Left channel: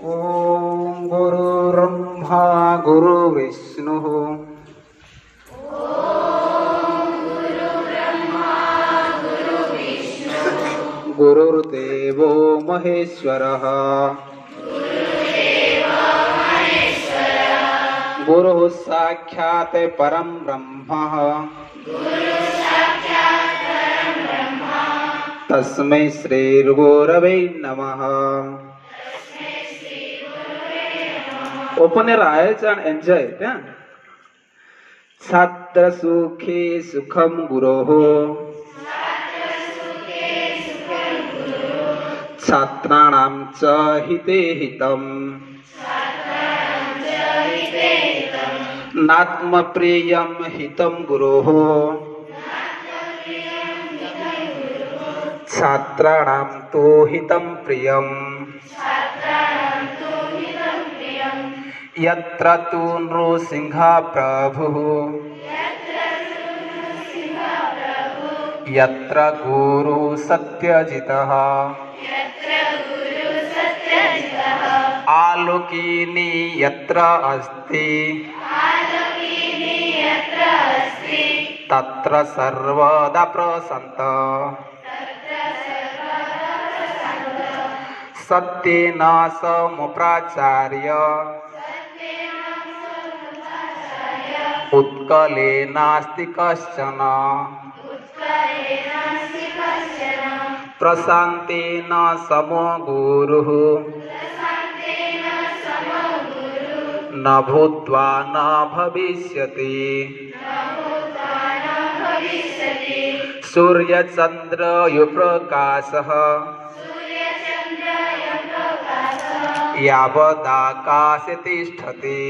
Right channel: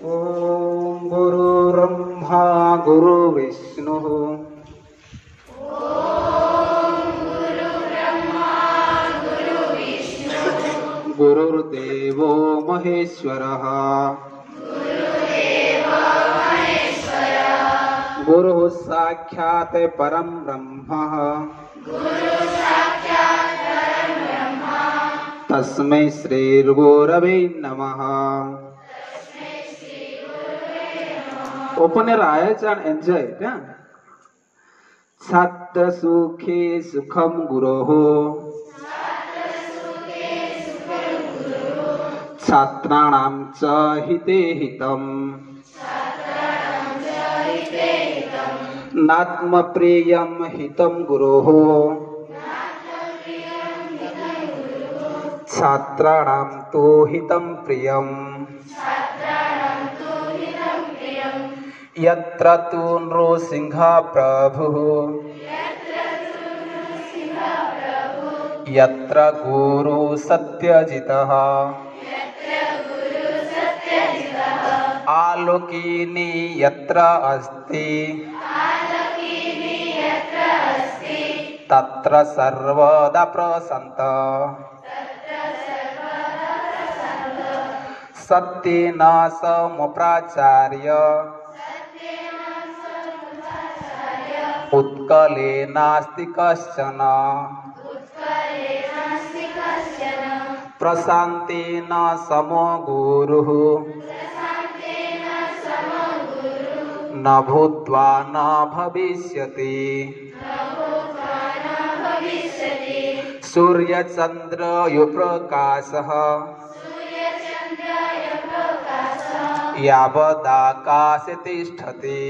ओम गुरुर्ब्रह्मा गुरुर्विष्णुः गुरुर्देवो महेश्वरः गुरुः साक्षात् परं ब्रह्म तस्मै श्री गुरवे नमः. Open your eyes and enjoy it. Yeah? Satra sukhe sukham guroho Chhatranam cha hite hitam Natma priyam hitam guroho Chhatranam tu hitam priyam यत्र तु नृसिंह प्रभुः यत्र गुरु सत्यजितः आलोकिनी यत्र अस्ति तत्र सर्वदा प्रसन्तः सत्येन समुपाचार्य उत्कले नास्ति कश्चन प्रशान्तेन समो गुरुः न भूत्वा न भविष्यति सूर्यचन्द्रयुप्रकाशः यावदाकाशे तिष्ठति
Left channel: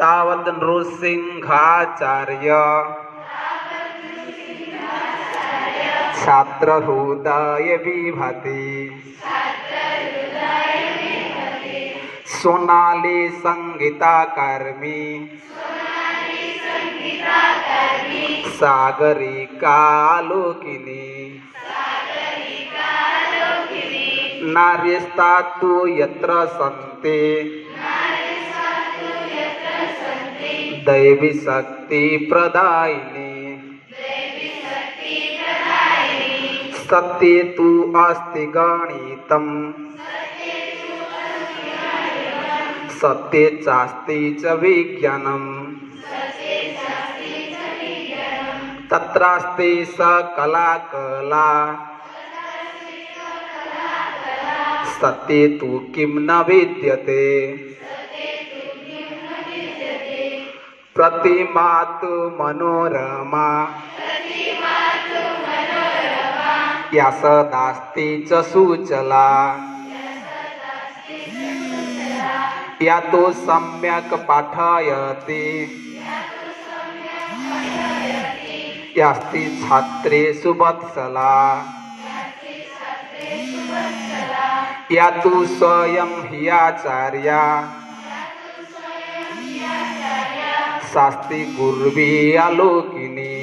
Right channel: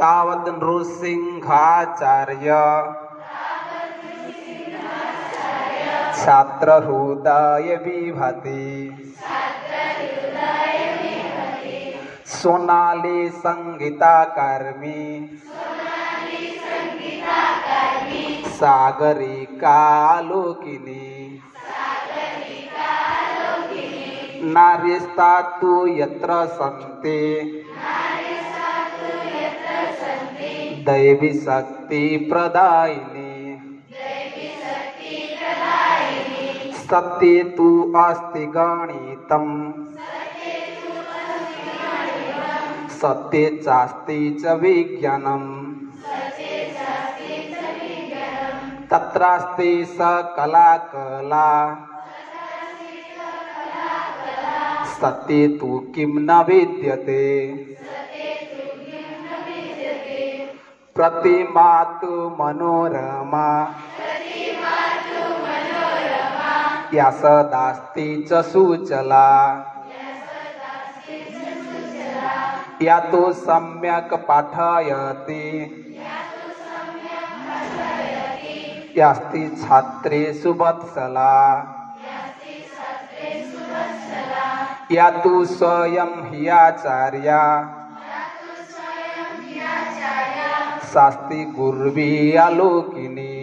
तावत् नृसिंहाचार्य छात्रहृदय विभाति सोनाली संगीताकर्मी सागरिकालोकिनी नार्यस्तातु यत्र सन्ति दैवी शक्ति प्रदायिनी सत्ये तु अस्ति गणितं सत्ये चास्ति च विज्ञानम् तत्रास्ति सकला कला सत्ये तु किं न विद्यते प्रतिमा तु मनोरमा या सदास्ति च सुचला या तु सम्यक् पाठयति यास्ति छात्रेषु वत्सला या तु स्वयं हि आचार्या शास्ति गुर्वी आलोकिनी